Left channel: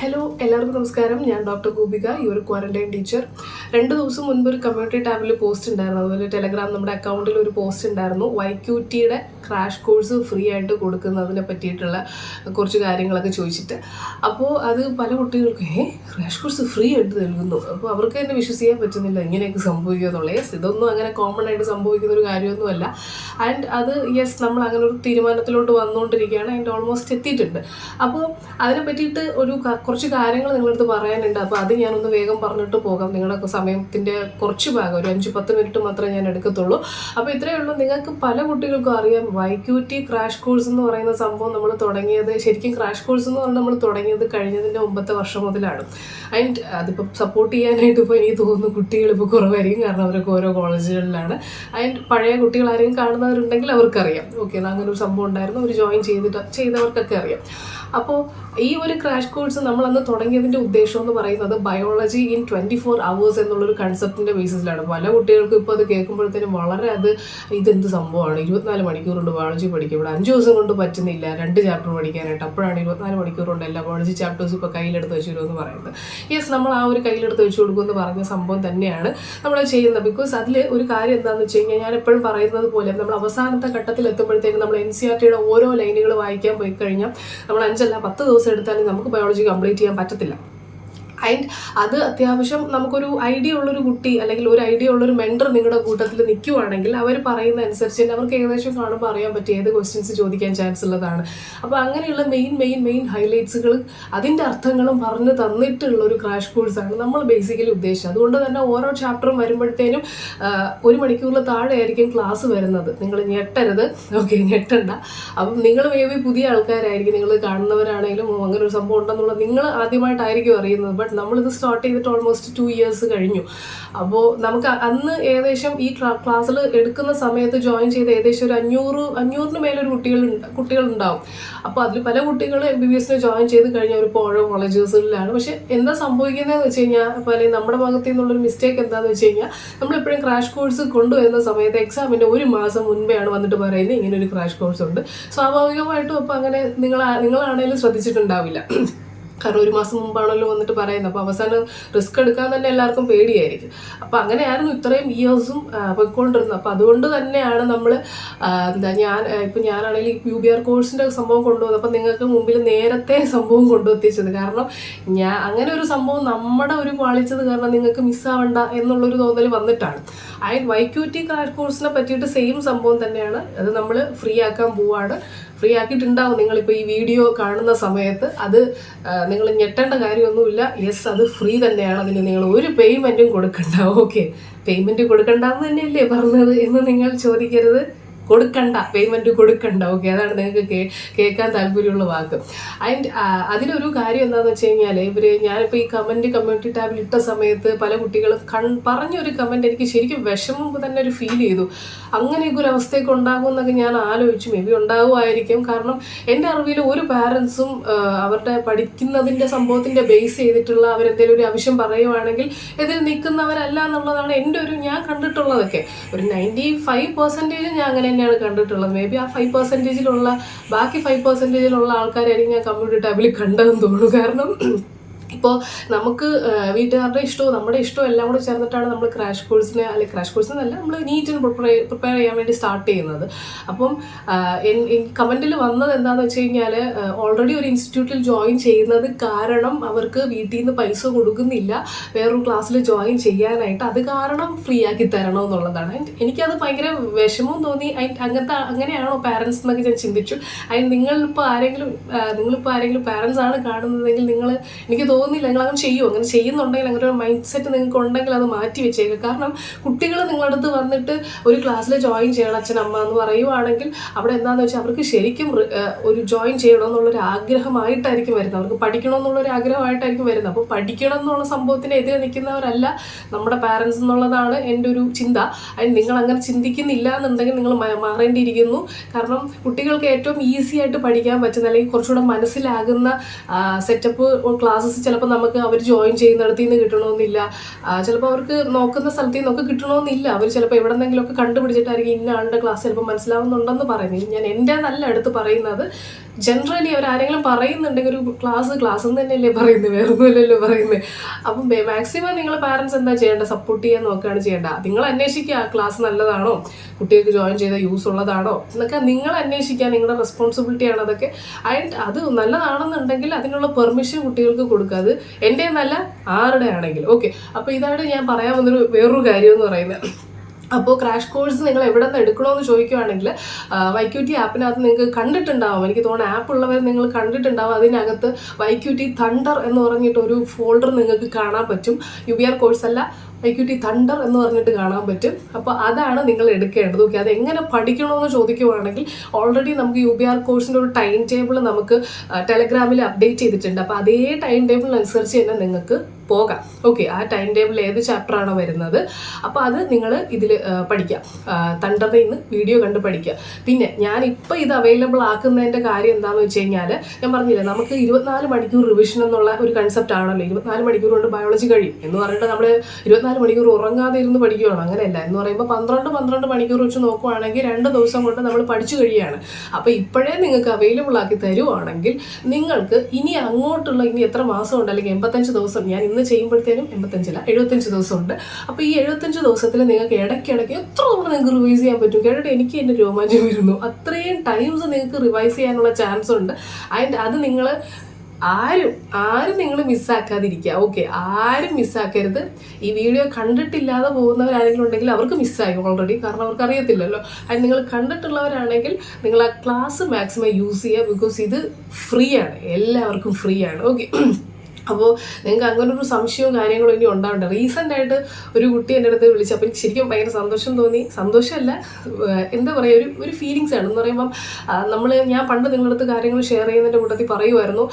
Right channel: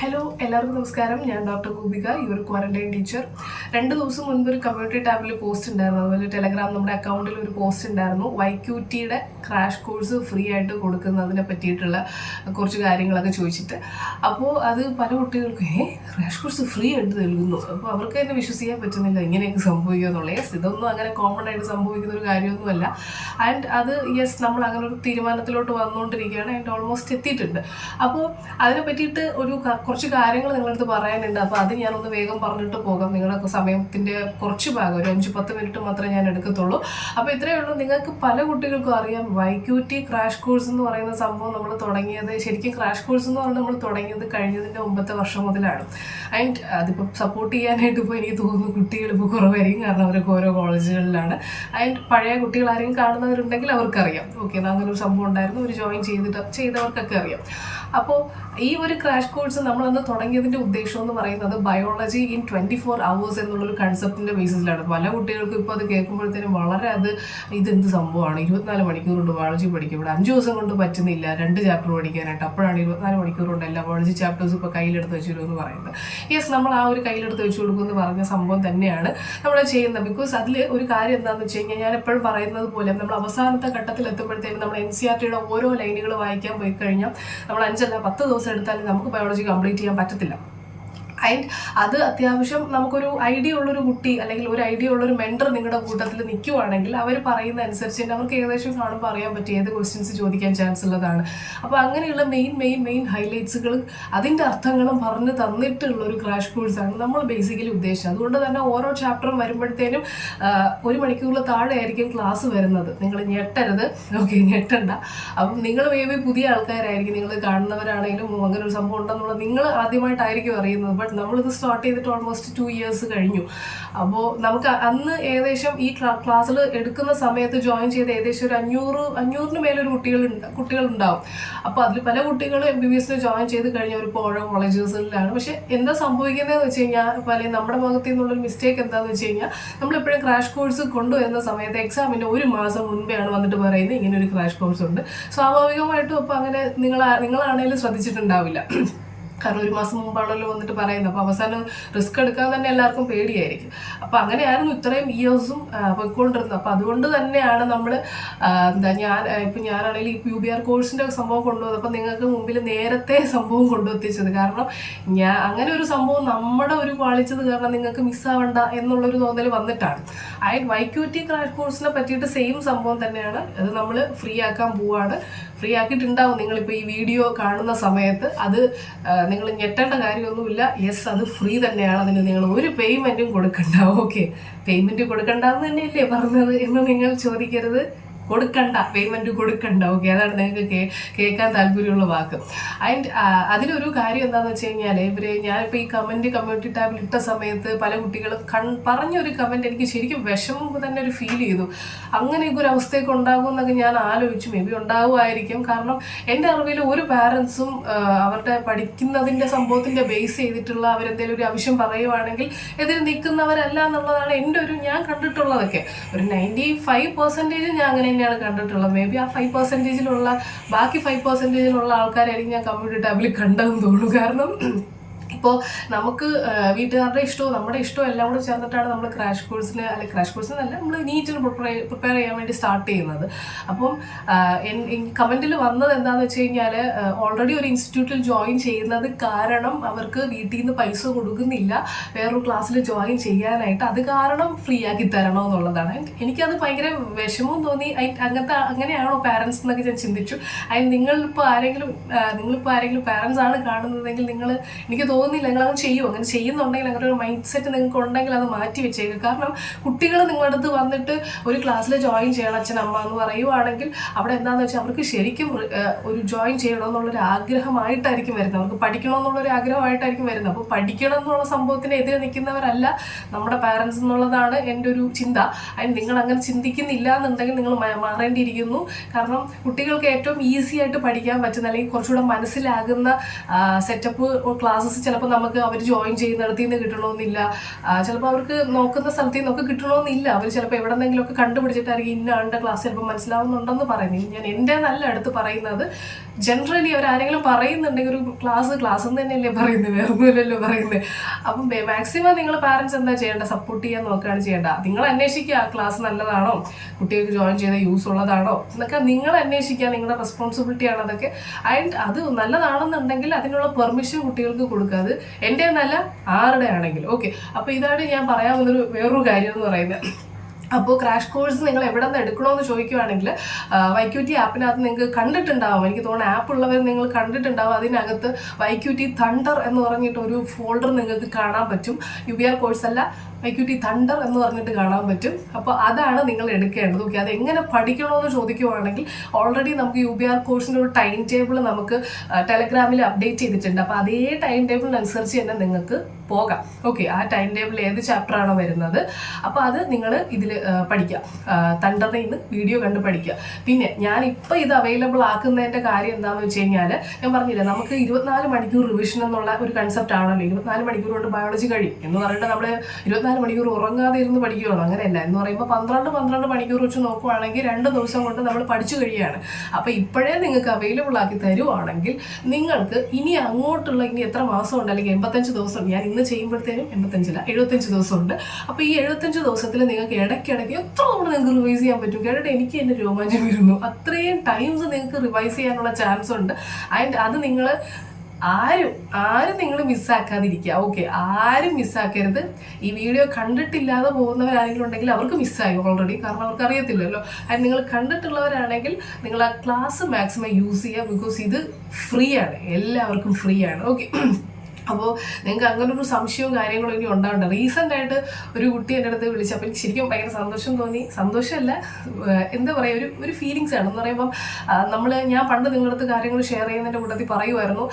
Hello എല്ലാവർക്കും നമസ്കാരം. ഞാൻ ഡോക്ടർ ഗോപിക, ഈ ഒരു ക്വാറന്റൈൻ ടീച്ചർ. 2 ദിവസം മുൻപ് ഒരു കമ്മ്യൂണിറ്റി ടാബിൽ പോസ്റ്റ് ഉണ്ടായിരുന്നു, അതുപോലെ ടെലഗ്രാം നമ്മുടെ അക്കൗണ്ടിൽ ഒരു പോസ്റ്റ് ഉണ്ടായിരുന്നു. YQTയുടെ ക്രാഷ് കോഴ്സ് ഫ്രീ ആയിട്ട് കൊടുക്കുന്നതിനെ പറ്റിയിട്ടുള്ള കുറച്ച് കാര്യങ്ങളൊക്കെ ചോദിച്ചിട്ട്. അപ്പോൾ അത് പല കുട്ടികൾക്കും ക്രാഷ് കോഴ്സ് ഫ്രീ ആയിട്ട് നൽകുന്നു, അപ്പോൾ അവർക്ക് തന്നെ വിശ്വസിക്കാൻ പറ്റുന്നില്ല ഇങ്ങനെയൊക്കെ സംഭവിക്കുക എന്നുള്ളത്. ഇതൊന്നും അങ്ങനെ കോമൺ ആയിട്ട് സംഭവിക്കുന്ന ഒരു കാര്യമൊന്നുമല്ല. ആൻഡ് അത് നമ്മൾ അങ്ങനെ ഒരു തീരുമാനത്തിലോട്ട് വന്നുകൊണ്ടിരിക്കുകയാണ്. ആൻഡ് ഓൾമോസ്റ്റ് എത്തിയിട്ടുണ്ട്. അപ്പോൾ അതിനെ പറ്റിയിട്ട് കുറച്ച് കാര്യങ്ങൾ നിങ്ങളടുത്ത് പറയാനുണ്ട്. അപ്പോൾ അത് ഞാനൊന്ന് വേഗം പറഞ്ഞിട്ട് പോകാം. നിങ്ങളുടെ സമയത്തിൻ്റെ കുറച്ച് ഭാഗം, ഒരു 5-10 മിനിറ്റ് മാത്രമേ ഞാൻ എടുക്കത്തുള്ളൂ. അപ്പോൾ ഇത്രയേ ഉള്ളൂ. നിങ്ങൾക്ക് പല കുട്ടികൾക്കും അറിയാം, YQT ക്രാഷ് കോഴ്സ് എന്ന് പറയുന്ന സംഭവം നമ്മൾ തുടങ്ങിയത്, ശരിക്കും ക്രാഷ് കോഴ്സ് എന്ന് പറഞ്ഞാൽ നമ്മൾ തുടങ്ങിയത് കഴിഞ്ഞതിൻ്റെ 9 വർഷം മുതലാണ്. ആൻഡ് അതിപ്പോൾ സപ്പോർട്ട് ചെയ്യാനായിട്ട് ഇപ്പോൾ എനിക്ക് തോന്നുന്നു കുട്ടികൾ ഇപ്പോൾ കുറവായിരിക്കും, കാരണം അവരൊക്കെ ഓരോ കോളേജുകളിലാണ്. ആൻഡ് പഴയ കുട്ടികൾ ആരെങ്കിലും കാണുന്നവരുണ്ടെങ്കിൽ അവർക്കറിയാം, ഓക്കെ അങ്ങനെ ഒരു സംഭവം ഉണ്ടായിരുന്നു, ഒരു ജോയിൻ ചെയ്തവർക്കൊക്കെ അറിയാം. അപ്പോൾ ഈ ഒരു ക്രാഷ് കോഴ്സ് നമ്മളന്ന് തുടങ്ങിയതിൻ്റെ ഉദ്ദേശം എന്ന് പറയുന്നത് ബയോളജി ഇൻ 24 hours എന്നുള്ളൊരു കൺസെപ്റ്റിൻ്റെ ബേസിസിലാണ്. പല കുട്ടികൾക്കും ഇപ്പോൾ അത് കേൾക്കുമ്പോഴത്തേനും വളരെ ഇതെന്ത് സംഭവമാണ്, 24 മണിക്കൂറുണ്ട് ബയോളജി പഠിക്കും, ഇവിടെ 5 ദിവസം കൊണ്ട് പറ്റുന്നില്ല 2 ചാപ്റ്റർ പഠിക്കാനായിട്ട്, അപ്പോഴാണ് 24 മണിക്കൂറുണ്ട് എല്ലാ ബയോളജി ചാപ്റ്റേഴ്സ് ഇപ്പോൾ കയ്യിലെടുത്ത് വെച്ചു തരുമെന്ന് പറയുന്നത്. നമ്മൾ ആ ഒരു കയ്യിലെടുത്ത് വെച്ച് കൊടുക്കുമെന്ന് പറഞ്ഞ സംഭവം തന്നെയാണ് നമ്മൾ ചെയ്യുന്നത്. ബിക്കോസ് അതിൽ ഒരു കാര്യം എന്താണെന്ന് വെച്ച് കഴിഞ്ഞാൽ, ഞാൻ എപ്പോഴും പറയുന്നത് പോലെ നമ്മൾ അവസാനത്തെ ഘട്ടത്തിൽ എത്തുമ്പോഴത്തേക്കും നമ്മൾ NCERTയുടെ ഓരോ ലൈനുകൾ വായിക്കാൻ പോയി കഴിഞ്ഞാൽ നമ്മൾ 5-10 ദിവസം എടുത്താലും നമുക്ക് ബയോളജി കംപ്ലീറ്റ് ചെയ്യാൻ പറ്റത്തില്ല. ആൻഡ് അത് അത്യാവശ്യം നമുക്കൊരു ഐഡിയ ഉള്ളൊരു കുട്ടി അല്ലെങ്കിൽ ഒരു ഐഡിയ ഉള്ളൊരു മെൻറ്റർ നിങ്ങളുടെ കൂട്ടത്തിൽ നിൽക്കുവാണെങ്കിൽ അവർ പറയുന്ന അനുസരിച്ച് തന്നെ അവർക്ക് ഏകദേശം കാണുമ്പോൾ അറിയാൻ പറ്റും ഏത് ക്വസ്റ്റ്യൻസ് ചോദിക്കാൻ ചാൻസ് ഉള്ളതാണ്. അപ്പോൾ അങ്ങനെയുള്ള മെയിൻ ഹൈലൈറ്റ്സുകൾ അതിൻ്റെ അർത്ഥങ്ങളും പറഞ്ഞു തന്നിട്ടുള്ളൊരു ക്രാഷ് കോഴ്സാണ് നമ്മൾ ബേസിക്കലി ഉദ്ദേശിച്ചത്. അതുകൊണ്ട് തന്നെ ഓരോ ചാപ്റ്ററും വരുമ്പോഴത്തേനും 1 മണിക്കൂറിൽ താഴെ ആയിരിക്കും ക്ലാസ് വരുന്നത്. നിങ്ങൾ ഞെട്ടരുത്, ഓക്കെ ഞെട്ടണ്ട. അപ്പം നിങ്ങൾ പുതിയ ആൾക്കാരായിരിക്കും, നിങ്ങൾ കാണുന്നവരാണെങ്കിലും അങ്ങനെ ഒരു സംഭവം ഉണ്ടെന്നുള്ളത് നിങ്ങൾ ആദ്യമായിട്ടായിരിക്കും അറിയുന്നത്. ബട്ട് നമ്മളിത് സ്റ്റാർട്ട് ചെയ്തിട്ട് ഓൾമോസ്റ്റ് 2 years കഴിഞ്ഞു. അപ്പോൾ നമുക്ക് അന്ന് ഏകദേശം ഈ ക്ലാസ്സിൽ എടുക്കുന്ന സമയത്ത് ജോയിൻ ചെയ്ത് ഏകദേശം ഒരു 500 മേലൊരു കുട്ടികളുണ്ടാവും. അപ്പോൾ അതിൽ പല കുട്ടികളും MBBSന് ജോയിൻ ചെയ്ത് കഴിഞ്ഞാൽ ഒരു ഓരോ കോളേജസുകളിലാണ്. പക്ഷെ എന്താ സംഭവിക്കുന്നതെന്ന് വെച്ച് കഴിഞ്ഞാൽ, അല്ലെങ്കിൽ നമ്മുടെ ഭാഗത്തു നിന്നുള്ളൊരു മിസ്റ്റേക്ക് എന്താണെന്ന് വെച്ച് കഴിഞ്ഞാൽ, നമ്മളെപ്പോഴും ക്രാഷ് കോഴ്സ് കൊണ്ടുവരുന്ന സമയത്ത് എക്സാമിൻ്റെ 1 മാസം മുൻപെയാണ് വന്നിട്ട് പറയുന്നത് ഇങ്ങനെ ഒരു ക്രാഷ് കോഴ്സ് ഉണ്ട്. സ്വാഭാവികമായിട്ടും അപ്പോൾ അങ്ങനെ നിങ്ങളാണേലും ശ്രദ്ധിച്ചിട്ടുണ്ടാവില്ല, കാരണം 1 മാസം മുമ്പാണല്ലോ വന്നിട്ട് പറയുന്നത്. അപ്പോൾ അവസാനം റിസ്ക് എടുക്കാൻ തന്നെ എല്ലാവർക്കും പേടിയായിരിക്കും. അപ്പോൾ അങ്ങനെയായിരുന്നു ഇത്രയും ഇയേഴ്സും പോയിക്കൊണ്ടിരുന്നത്. അപ്പോൾ അതുകൊണ്ട് തന്നെയാണ് നമ്മൾ ഞാനാണെങ്കിൽ ഈ UBR കോഴ്സിൻ്റെ സംഭവം കൊണ്ടുവന്നപ്പോൾ നിങ്ങൾക്ക് മുമ്പിൽ നേരത്തെ സംഭവം കൊണ്ടുവത്തിച്ചത്. കാരണം അങ്ങനെ ഒരു സംഭവം നമ്മുടെ ഒരു പാളിച്ചത് കാരണം നിങ്ങൾക്ക് മിസ്സാവണ്ട എന്നുള്ളൊരു തോന്നൽ വന്നിട്ടാണ്. YQT ക്രാഷ് കോഴ്സിനെ പറ്റിയിട്ട് സെയിം സംഭവം തന്നെയാണ്. അത് നമ്മൾ ഫ്രീ ആക്കാൻ പോവാണ്. ഫ്രീ ആക്കിയിട്ടുണ്ടാവും നിങ്ങളിപ്പോൾ ഈ വീഡിയോ കാണുന്ന സമയത്ത്. അത് നിങ്ങൾ ഞെട്ടേണ്ട കാര്യമൊന്നുമില്ല. അത് ഫ്രീ തന്നെയാണ്. അതിന് നിങ്ങൾ ഒരു പേയ്മെൻറ്റും കൊടുക്കണ്ട. ഓക്കെ, പേയ്മെൻറ്റ് കൊടുക്കണ്ടെന്ന് തന്നെയല്ലേ പറഞ്ഞത് എന്ന് നിങ്ങൾ ചോദിക്കരുത്. കൊടുക്കണ്ട, പേയ്മെൻറ്റ് കൊടുക്കണ്ട. ഓക്കെ, അതാണ് നിങ്ങൾക്ക് കേൾക്കാൻ താല്പര്യമുള്ള വാക്ക്. ആൻഡ് അതിലൊരു കാര്യം എന്താണെന്ന് വെച്ച് കഴിഞ്ഞാൽ, ഞാനിപ്പോൾ ഈ കമ്മ്യൂണിറ്റി ടാബിൽ ഇട്ട സമയത്ത് പല കുട്ടികളും പറഞ്ഞൊരു കമൻറ്റ് എനിക്ക് ശരിക്കും വിഷമം തന്നെ ഒരു ഫീൽ ചെയ്തു. അങ്ങനെയൊക്കെ ഒരു അവസ്ഥയൊക്കെ ഉണ്ടാകുമെന്നൊക്കെ ഞാൻ ആലോചിച്ചു. മേ ബി ഉണ്ടാകുമായിരിക്കും. കാരണം എൻ്റെ അറിവിൽ ഒരു പാരൻസും അവരുടെ പഠിക്കുന്നതിൻ്റെ സംഭവത്തിൻ്റെ ബേസ് ചെയ്തിട്ടുള്ള അവരെന്തെങ്കിലും ഒരു ആവശ്യം പറയുവാണെങ്കിൽ എതിൽ നിൽക്കുന്നവരല്ല എന്നുള്ളതാണ് ഞാൻ കണ്ടിട്ടുള്ളതൊക്കെ. ഒരു 95% ഞാൻ അങ്ങനെ തന്നെയാണ് കണ്ടിട്ടുള്ളത്. മേ ബി ആ 5%-ലുള്ള ബാക്കി 5%-ലുള്ള ആൾക്കാരായിരിക്കും ഞാൻ കമ്മ്യൂണിറ്റി ടാബിൽ കണ്ടതെന്ന് തോന്നുന്നു. കാരണം ഇപ്പോൾ നമുക്ക് വീട്ടുകാരുടെ ഇഷ്ടവും നമ്മുടെ ഇഷ്ടവും എല്ലാം കൂടെ ചേർന്നിട്ടാണ് നമ്മൾ ക്രാഷ് കോഴ്സിനല്ല നമ്മൾ നീറ്റിന് പ്രിപ്പയർ ചെയ്യാൻ വേണ്ടി സ്റ്റാർട്ട് ചെയ്യുന്നത്. അപ്പം കമൻറ്റിൽ വന്നത് എന്താണെന്ന് വെച്ച് കഴിഞ്ഞാൽ, ഓൾറെഡി ഒരു ഇൻസ്റ്റിറ്റ്യൂട്ടിൽ ജോയിൻ ചെയ്യുന്നത് കാരണം അവർക്ക് വീട്ടിൽ നിന്ന് പൈസ കൊടുക്കുന്നില്ല വേറൊരു ക്ലാസ്സിൽ ജോയിൻ ചെയ്യാനായിട്ട്, അത് കാരണം ഫ്രീ ആക്കി തരണമെന്നുള്ളതാണ്. എനിക്കത് ഭയങ്കര വിഷമവും തോന്നി. അങ്ങനെയാണോ പാരൻസ് എന്നൊക്കെ ഞാൻ ചിന്തിച്ചു. നിങ്ങളിപ്പോൾ ആരെങ്കിലും പാരൻസ് ആണ് കാണുന്നതെങ്കിൽ എനിക്ക് തോന്നുന്നില്ല നിങ്ങളങ്ങനെ അങ്ങനെ ചെയ്യുന്നുണ്ടെങ്കിൽ അങ്ങനെ ഒരു മൈൻഡ് സെറ്റ് നിങ്ങൾക്ക് ഉണ്ടെങ്കിൽ അത് മാറ്റി വെച്ചേക്കുക. കാരണം കുട്ടികൾ നിങ്ങളുടെ അടുത്ത് വന്നിട്ട് ഒരു ക്ലാസ്സിൽ ജോയിൻ ചെയ്യണം അച്ഛൻ അമ്മ എന്ന് പറയുവാണെങ്കിൽ അവിടെ എന്താണെന്ന് വെച്ചാൽ അവർക്ക് ശരിക്കും ഒരു ജോയിൻ ചെയ്യണമെന്നുള്ളൊരു ആഗ്രഹമായിട്ടായിരിക്കും വരുന്നത്, അവർക്ക് പഠിക്കണമെന്നുള്ളൊരു ആഗ്രഹമായിട്ടായിരിക്കും വരുന്നത്. അപ്പോൾ പഠിക്കണം എന്നുള്ള സംഭവത്തിന് എതിരെ നിൽക്കുന്നവരല്ല നമ്മുടെ പാരൻസ് എന്നുള്ളതാണ് എൻ്റെ ഒരു ചിന്ത. നിങ്ങൾ അങ്ങനെ ചിന്തിക്കുന്നില്ല എന്നുണ്ടെങ്കിൽ നിങ്ങൾ മാറേണ്ടിയിരിക്കുന്നു. കാരണം കുട്ടികൾക്ക് ഏറ്റവും ഈസി ആയിട്ട് പഠിക്കാൻ പറ്റുന്ന അല്ലെങ്കിൽ കുറച്ചുകൂടെ മനസ്സിലാകുന്ന സെറ്റപ്പ് ക്ലാസ്സസ് ചിലപ്പോൾ നമുക്ക് അവർ ജോയിൻ ചെയ്യുന്നിടത്തു നിന്ന് കിട്ടണമെന്നില്ല, ചിലപ്പോൾ അവർക്ക് നോക്കുന്ന സ്ഥലത്തു നിന്നൊക്കെ കിട്ടണമെന്നില്ല. അവർ ചിലപ്പോൾ എവിടെന്നെങ്കിലുമൊക്കെ കണ്ടുപിടിച്ചിട്ടായിരിക്കും ഇന്ന ആളുടെ ക്ലാസ് ചിലപ്പോൾ മനസ്സിലാവുന്നുണ്ടെന്ന് പറയുന്നത്. ഞാൻ എൻ്റെ നല്ല അടുത്ത് പറയുന്നത് ജനറലി അവരാരെങ്കിലും പറയുന്നുണ്ടെങ്കിൽ ഒരു ക്ലാസ് എന്ന് തന്നെയല്ലേ പറയുന്നത്, വേറെ ഒന്നുമില്ലല്ലോ പറയുന്നത്. അപ്പം മാക്സിമം നിങ്ങൾ പാരൻസ് എന്താ ചെയ്യേണ്ടത്, സപ്പോർട്ട് ചെയ്യാൻ നോക്കുകയാണ് ചെയ്യേണ്ടത്. നിങ്ങൾ അന്വേഷിക്കുക ക്ലാസ് നല്ലതാണോ, കുട്ടികൾക്ക് ജോയിൻ ചെയ്ത യൂസ് ഉള്ളതാണോ എന്നൊക്കെ നിങ്ങൾ അന്വേഷിക്കുക, നിങ്ങളുടെ റെസ്പോൺസിബിലിറ്റിയാണ് അതൊക്കെ. ആൻഡ് അത് നല്ലതാണെന്നുണ്ടെങ്കിൽ അതിനുള്ള പെർമിഷൻ കുട്ടികൾക്ക് കൊടുക്കുക. അത് എൻ്റെ എന്നല്ല, ആരുടെ ആണെങ്കിലും. ഓക്കെ, അപ്പോൾ ഇതാണ് ഞാൻ പറയാൻ വന്നൊരു വേറൊരു കാര്യം എന്ന് പറയുന്നത്. അപ്പോൾ ക്രാഷ് കോഴ്സ് നിങ്ങൾ എവിടെ നിന്ന് എടുക്കണമെന്ന് ചോദിക്കുകയാണെങ്കിൽ YQT ആപ്പിനകത്ത് നിങ്ങൾക്ക് കണ്ടിട്ടുണ്ടാവും, എനിക്ക് തോന്നുന്നു ആപ്പ് ഉള്ളവർ നിങ്ങൾ കണ്ടിട്ടുണ്ടാവും. അതിനകത്ത് YQT തണ്ടർ എന്ന് പറഞ്ഞിട്ട് ഒരു ഫോൾഡർ നിങ്ങൾക്ക് കാണാൻ പറ്റും. UBR കോഴ്സ് അല്ല, YQT തണ്ടർ എന്ന് പറഞ്ഞിട്ട് കാണാൻ പറ്റും. അപ്പോൾ അതാണ് നിങ്ങൾ എടുക്കേണ്ടത്. ഓക്കെ, അത് എങ്ങനെ പഠിക്കണമെന്ന് ചോദിക്കുവാണെങ്കിൽ ഓൾറെഡി നമുക്ക് UBR കോഴ്സിൻ്റെ ഒരു ടൈം ടേബിൾ നമുക്ക് ടെലഗ്രാമിൽ അപ്ഡേറ്റ് ചെയ്തിട്ടുണ്ട്. അപ്പോൾ അതേ ടൈം ടേബിളിനനുസരിച്ച് തന്നെ നിങ്ങൾക്ക് പോകാം. ഓക്കെ, ആ ടൈം ടേബിൾ ഏത് ചാപ്റ്ററാണോ വരുന്നത് അപ്പോൾ അത് നിങ്ങൾ ഇതിൽ പഠിക്കുക, തണ്ടറിൽ നിന്ന് വീഡിയോ കണ്ട് പഠിക്കുക. പിന്നെ ഞാനിപ്പോൾ ഇത് അവൈലബിൾ ആക്കുന്നതിൻ്റെ കാര്യം എന്താണെന്ന് വെച്ച് കഴിഞ്ഞാൽ, ഞാൻ പറഞ്ഞില്ലേ നമുക്ക് 24 മണിക്കൂർ റിവിഷൻ എന്നുള്ള ഒരു കൺസെപ്റ്റ് ആണല്ലോ. 24 മണിക്കൂർ കൊണ്ട് ബയോളജി കഴിയും എന്ന് പറഞ്ഞിട്ട് നമ്മൾ 24 മണിക്കൂർ ഉറങ്ങാതെ ഇരുന്ന് പഠിക്കുകയാണോ? അങ്ങനെയല്ല. എന്ന് പറയുമ്പോൾ 12 മണിക്കൂർ വെച്ച് നോക്കുവാണെങ്കിൽ 2 ദിവസം കൊണ്ട് നമ്മൾ പഠിച്ചു കഴിയുകയാണ്. അപ്പോൾ ഇപ്പോഴേ നിങ്ങൾക്ക് അവൈലബിൾ ആക്കി തരുവാണെങ്കിൽ നിങ്ങൾക്ക് ഇനി അങ്ങോട്ടുള്ള ഇനി എത്ര മാസം ഉണ്ട്, അല്ലെങ്കിൽ 85 ദിവസം, ഞാൻ ഇന്ന് ചെയ്യുമ്പോഴത്തേനും 75 ദിവസമുണ്ട്. അപ്പോൾ ഈ 75 ദിവസത്തിൽ നിങ്ങൾക്ക് ഇടയ്ക്കിടയ്ക്ക് എത്ര തവണ നിങ്ങൾക്ക് റിവൈസ് ചെയ്യാൻ പറ്റും. കേട്ടിട്ട് എനിക്ക് എൻ്റെ രോമാഞ്ചം വരുന്നു. അത്രയും ടൈംസ് നിങ്ങൾക്ക് റിവൈസ് ചെയ്യാനുള്ള ചാൻസ് ഉണ്ട്. ആൻഡ് അത് നിങ്ങൾ ആരും നിങ്ങൾ മിസ്സാക്കാതിരിക്കുക. ഓക്കെ, ആരും മിസ്സാക്കരുത്. ഈ വീഡിയോ കണ്ടിട്ടില്ലാതെ പോകുന്നവരാരെങ്കിലും ഉണ്ടെങ്കിൽ അവർക്ക് മിസ്സായി ഓൾറെഡി, കാരണം അവർക്ക് അറിയത്തില്ലല്ലോ. അത് നിങ്ങൾ കണ്ടിട്ടുള്ളവരാണെങ്കിൽ നിങ്ങൾ ആ ക്ലാസ് മാക്സിമം യൂസ് ചെയ്യുക. ബിക്കോസ് ഇത് ഫ്രീ ആണ്, എല്ലാവർക്കും ഫ്രീ ആണ്. ഓക്കെ, അപ്പോൾ നിങ്ങൾക്ക് അങ്ങനെ ഒരു സംശയവും കാര്യങ്ങളും ഇനി ഉണ്ടാവണ്ട. റീസെൻ്റായിട്ട് ഒരു കുട്ടി എൻ്റെ അടുത്ത് വിളിച്ചപ്പോൾ എനിക്ക് ശരിക്കും ഭയങ്കര സന്തോഷം തോന്നി. സന്തോഷമല്ല, എന്താ പറയുക, ഒരു ഫീലിങ്സ് ആണ്. എന്ന് പറയുമ്പം ഞാൻ പണ്ട് നിങ്ങളുടെ അടുത്ത് കാര്യങ്ങൾ ഷെയർ ചെയ്യുന്നതിൻ്റെ കൂട്ടത്തിൽ പറയുമായിരുന്നു,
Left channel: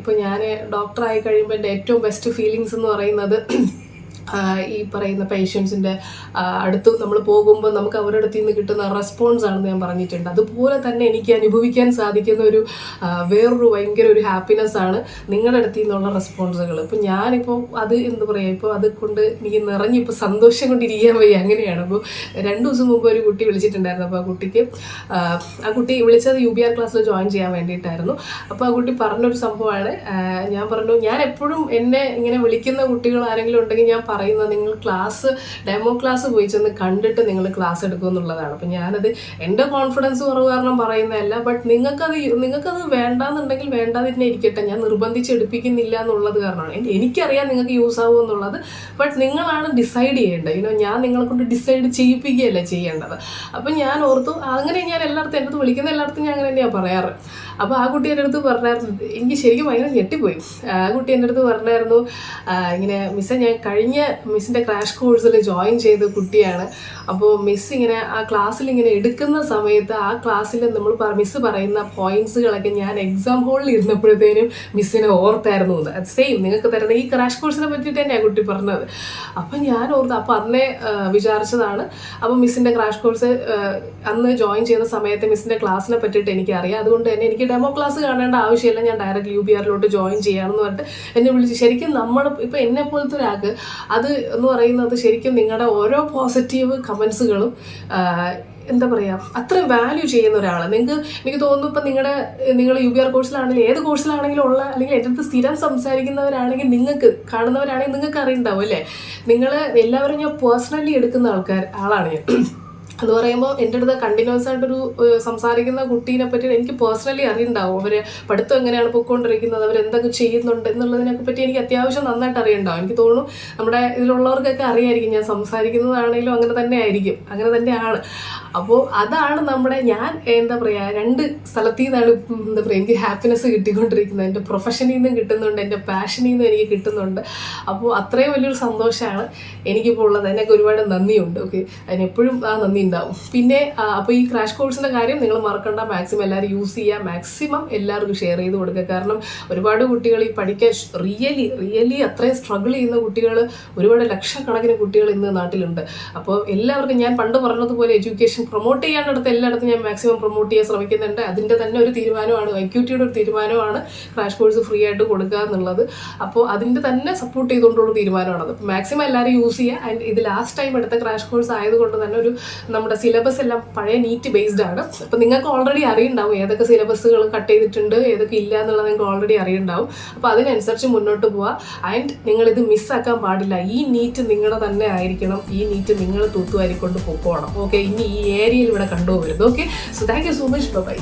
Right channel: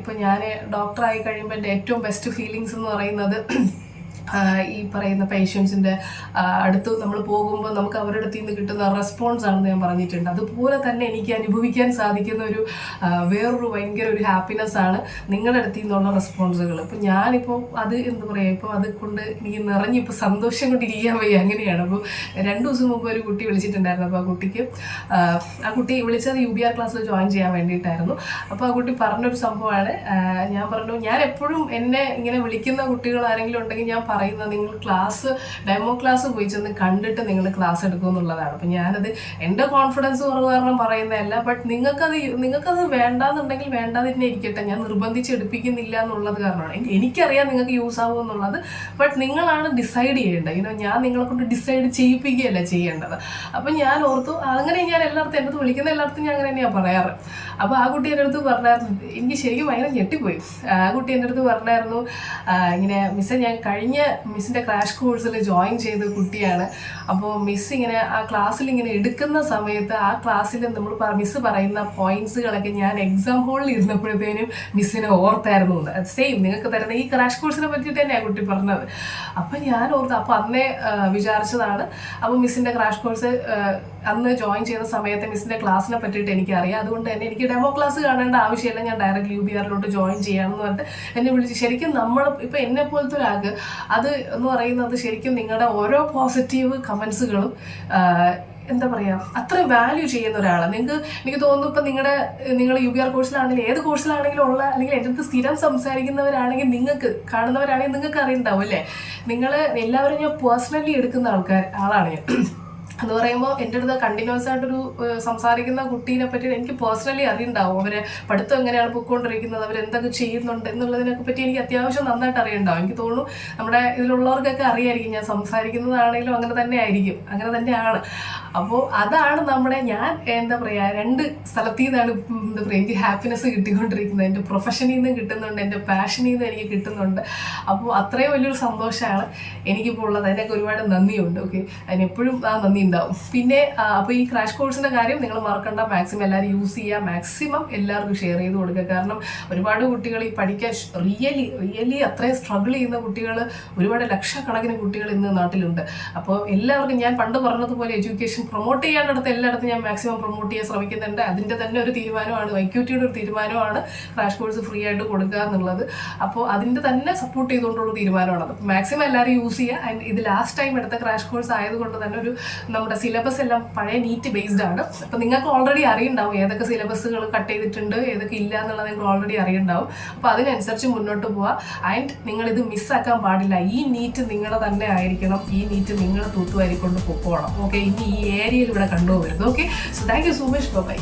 ഇപ്പോൾ ഞാൻ ഡോക്ടറായി കഴിയുമ്പോൾ എൻ്റെ ഏറ്റവും ബെസ്റ്റ് ഫീലിങ്സ് എന്ന് പറയുന്നത് ഈ പറയുന്ന പേഷ്യൻസിൻ്റെ അടുത്ത് നമ്മൾ പോകുമ്പോൾ നമുക്ക് അവരുടെ അടുത്ത് നിന്ന് കിട്ടുന്ന റെസ്പോൺസ് ആണെന്ന് ഞാൻ പറഞ്ഞിട്ടുണ്ട്. അതുപോലെ തന്നെ എനിക്ക് അനുഭവിക്കാൻ സാധിക്കുന്ന ഒരു വേറൊരു ഭയങ്കര ഒരു ഹാപ്പിനെസ് ആണ് നിങ്ങളുടെ അടുത്ത് നിന്നുള്ള റെസ്പോൺസുകൾ. ഇപ്പോൾ ഞാനിപ്പോൾ അത് എന്താ പറയുക, ഇപ്പോൾ അത് കൊണ്ട് എനിക്ക് നിറഞ്ഞിപ്പോൾ സന്തോഷം കൊണ്ടിരിക്കാൻ വയ്യ, അങ്ങനെയാണ്. അപ്പോൾ 2 ദിവസം മുമ്പ് ഒരു കുട്ടി വിളിച്ചിട്ടുണ്ടായിരുന്നു. അപ്പോൾ ആ കുട്ടി വിളിച്ചത് UBR ക്ലാസ്സിൽ ജോയിൻ ചെയ്യാൻ വേണ്ടിയിട്ടായിരുന്നു. അപ്പോൾ ആ കുട്ടി പറഞ്ഞൊരു സംഭവമാണ്, ഞാൻ പറഞ്ഞു, ഞാൻ എപ്പോഴും എന്നെ ഇങ്ങനെ വിളിക്കുന്ന കുട്ടികൾ ആരെങ്കിലും ഉണ്ടെങ്കിൽ ഞാൻ പറയുന്നത് നിങ്ങൾ ഡെമോ ക്ലാസ് പോയി ചെന്ന് കണ്ടിട്ട് നിങ്ങൾ ക്ലാസ് എടുക്കുമെന്നുള്ളതാണ്. അപ്പം ഞാനത് എൻ്റെ കോൺഫിഡൻസ് കുറവ് കാരണം പറയുന്നതല്ല. ബട്ട് നിങ്ങൾക്കത് വേണ്ടാന്നുണ്ടെങ്കിൽ വേണ്ടാതിരുന്നെ ഇരിക്കട്ടെ, ഞാൻ നിർബന്ധിച്ച് എടുപ്പിക്കുന്നില്ല എന്നുള്ളത് കാരണമാണ്. എനിക്കറിയാം നിങ്ങൾക്ക് യൂസ് ആവും എന്നുള്ളത്. ബട്ട് നിങ്ങളാണ് ഡിസൈഡ് ചെയ്യേണ്ടത്. ഞാൻ നിങ്ങളെ കൊണ്ട് ഡിസൈഡ് ചെയ്യിപ്പിക്കുകയല്ല ചെയ്യേണ്ടത്. അപ്പം ഞാൻ ഓർത്തു, അങ്ങനെ ഞാൻ എല്ലായിടത്തും എൻ്റെ അടുത്ത് വിളിക്കുന്ന എല്ലായിടത്തും ഞാൻ അങ്ങനെ തന്നെയാണ് പറയാറ്. അപ്പോൾ ആ കുട്ടി എൻ്റെ അടുത്ത് പറഞ്ഞായിരുന്നു, എനിക്ക് ശരിക്കും ഭയങ്കര ഞെട്ടിപ്പോയി. ആ കുട്ടി എൻ്റെ അടുത്ത് പറഞ്ഞായിരുന്നു, ഇങ്ങനെ മിസ്സേ, ഞാൻ കഴിഞ്ഞ മിസ്സിൻ്റെ ക്രാഷ് കോഴ്സിൽ ജോയിൻ ചെയ്ത കുട്ടിയാണ്. അപ്പോൾ മിസ് ഇങ്ങനെ ആ ക്ലാസ്സിൽ ഇങ്ങനെ എടുക്കുന്ന സമയത്ത് ആ ക്ലാസ്സിൽ നമ്മൾ മിസ്സ് പറയുന്ന പോയിന്റ്സുകളൊക്കെ ഞാൻ എക്സാം ഹോളിൽ ഇരുന്നപ്പോഴത്തേനും മിസ്സിനെ ഓർത്തായിരുന്നു എന്ന്. അത് സെയിം നിങ്ങൾക്ക് തരുന്ന ഈ ക്രാഷ് കോഴ്സിനെ പറ്റിയിട്ട് തന്നെയാണ് കുട്ടി പറഞ്ഞത്. അപ്പം ഞാൻ ഓർത്തു. അപ്പോൾ അന്നേ വിചാരിച്ചതാണ്. അപ്പോൾ മിസ്സിൻ്റെ ക്രാഷ് കോഴ്സ് അന്ന് ജോയിൻ ചെയ്ത സമയത്ത് മിസ്സിൻ്റെ ക്ലാസ്സിനെ പറ്റിയിട്ട് എനിക്കറിയാം. അതുകൊണ്ട് തന്നെ എനിക്ക് ഡെമോ ക്ലാസ് കാണേണ്ട ആവശ്യമില്ല, ഞാൻ ഡയറക്റ്റ് UBRലോട്ട് ജോയിൻ ചെയ്യാമെന്ന് പറഞ്ഞിട്ട് എന്നെ വിളിച്ച്. ശരിക്കും ഇപ്പോൾ എന്നെ പോലത്തെ ഒരാൾക്ക് അത് എന്ന് പറയുന്നത് ശരിക്കും നിങ്ങളുടെ ഓരോ പോസിറ്റീവ് കമൻസുകളും എന്താ പറയുക, അത്രയും വാല്യൂ ചെയ്യുന്ന ഒരാളാണ്. എനിക്ക് തോന്നുന്നു ഇപ്പം നിങ്ങൾ UBR കോഴ്സിലാണെങ്കിലും ഏത് കോഴ്സിലാണെങ്കിലും ഉള്ള, അല്ലെങ്കിൽ എൻ്റെ അടുത്ത് സ്ഥിരം സംസാരിക്കുന്നവരാണെങ്കിൽ, നിങ്ങൾക്ക് കാണുന്നവരാണെങ്കിൽ നിങ്ങൾക്ക് അറിയുണ്ടാവും അല്ലേ. നിങ്ങൾ എല്ലാവരും ഞാൻ പേഴ്സണലി എടുക്കുന്ന ആളാണ് ഞാൻ. എന്ന് പറയുമ്പോൾ എൻ്റെ അടുത്ത് കണ്ടിന്യൂസ് ആയിട്ടൊരു സംസാരിക്കുന്ന കുട്ടീനെ പറ്റി എനിക്ക് പേഴ്സണലി അറിയുണ്ടാവും. അവർ പഠിത്തം എങ്ങനെയാണ് പോയിക്കൊണ്ടിരിക്കുന്നത്, അവരെന്തൊക്കെ ചെയ്യുന്നുണ്ട് എന്നുള്ളതിനൊക്കെ പറ്റി എനിക്ക് അത്യാവശ്യം നന്നായിട്ട് അറിയുണ്ടാവും. എനിക്ക് തോന്നുന്നു നമ്മുടെ ഇതിലുള്ളവർക്കൊക്കെ അറിയായിരിക്കും, ഞാൻ സംസാരിക്കുന്നതാണെങ്കിലും അങ്ങനെ തന്നെ ആയിരിക്കും, അങ്ങനെ തന്നെയാണ്. അപ്പോൾ അതാണ് ഞാൻ എന്താ പറയുക, 2 സ്ഥലത്തു നിന്നാണ് എന്താ പറയുക എനിക്ക് ഹാപ്പിനെസ് കിട്ടിക്കൊണ്ടിരിക്കുന്നത്. എൻ്റെ പ്രൊഫഷനിൽ നിന്നും കിട്ടുന്നുണ്ട്, എൻ്റെ പാഷനിൽ നിന്നും എനിക്ക് കിട്ടുന്നുണ്ട്. അപ്പോൾ അത്രയും വലിയൊരു സന്തോഷമാണ് എനിക്കിപ്പോൾ ഉള്ളത്. അതിനൊക്കെ ഒരുപാട് നന്ദിയുണ്ട്. ഓക്കെ, അതിനെപ്പോഴും ആ നന്ദി ഉണ്ടാവും. പിന്നെ അപ്പോൾ ഈ ക്രാഷ് കോഴ്സിൻ്റെ കാര്യം നിങ്ങൾ മറക്കണ്ട, മാക്സിമം എല്ലാവരും യൂസ് ചെയ്യുക, മാക്സിമം എല്ലാവർക്കും ഷെയർ ചെയ്ത് കൊടുക്കുക. കാരണം ഒരുപാട് കുട്ടികൾ ഈ പഠിക്കാൻ റിയലി അത്രയും സ്ട്രഗിൾ ചെയ്യുന്ന കുട്ടികൾ, ഒരുപാട് ലക്ഷക്കണക്കിന് കുട്ടികൾ ഇന്ന് നാട്ടിലുണ്ട്. അപ്പോൾ എല്ലാവർക്കും ഞാൻ പണ്ട് പറഞ്ഞതുപോലെ എഡ്യൂക്കേഷൻ പ്രൊമോട്ട് ചെയ്യാണ്ടിടത്ത് എല്ലായിടത്തും ഞാൻ മാക്സിമം പ്രൊമോട്ട് ചെയ്യാൻ ശ്രമിക്കുന്നുണ്ട്. അതിൻ്റെ തന്നെ ഒരു തീരുമാനമാണ്, YQTയുടെ ഒരു തീരുമാനമാണ് ക്രാഷ് കോഴ്സ് ഫ്രീ ആയിട്ട് കൊടുക്കുക എന്നുള്ളത്. അപ്പോൾ അതിൻ്റെ തന്നെ സപ്പോർട്ട് ചെയ്തുകൊണ്ടുള്ള തീരുമാനമാണത്. അപ്പോൾ മാക്സിമം എല്ലാവരും യൂസ് ചെയ്യുക. ആൻഡ് ഇത് ലാസ്റ്റ് ടൈം എടുത്ത ക്രാഷ് കോഴ്സ് ആയതുകൊണ്ട് തന്നെ നമ്മുടെ സിലബസ് എല്ലാം പഴയ നീറ്റ് ബേസ്ഡ് ആണ്. അപ്പോൾ നിങ്ങൾക്ക് ഓൾറെഡി അറിയുണ്ടാവും ഏതൊക്കെ സിലബസുകൾ കട്ട് ചെയ്തിട്ടുണ്ട്, ഏതൊക്കെ ഇല്ല എന്നുള്ളത് നിങ്ങൾക്ക് ഓൾറെഡി അറിയുണ്ടാവും. അപ്പോൾ അതിനനുസരിച്ച് മുന്നോട്ട് പോവുക. ആൻഡ് നിങ്ങളിത് മിസ്സാക്കാൻ പാടില്ല. ഈ നീറ്റ് നിങ്ങളുടെ തന്നെ ആയിരിക്കണം. ഈ നീറ്റ് നിങ്ങൾ തൂത്തുവാരിക്കൊണ്ട് പോകണം. ഓക്കെ, ഇനി ഈ ഏരിയയിൽ ഇവിടെ കണ്ടുപോകരുത്. Okay, so thank you so much. By.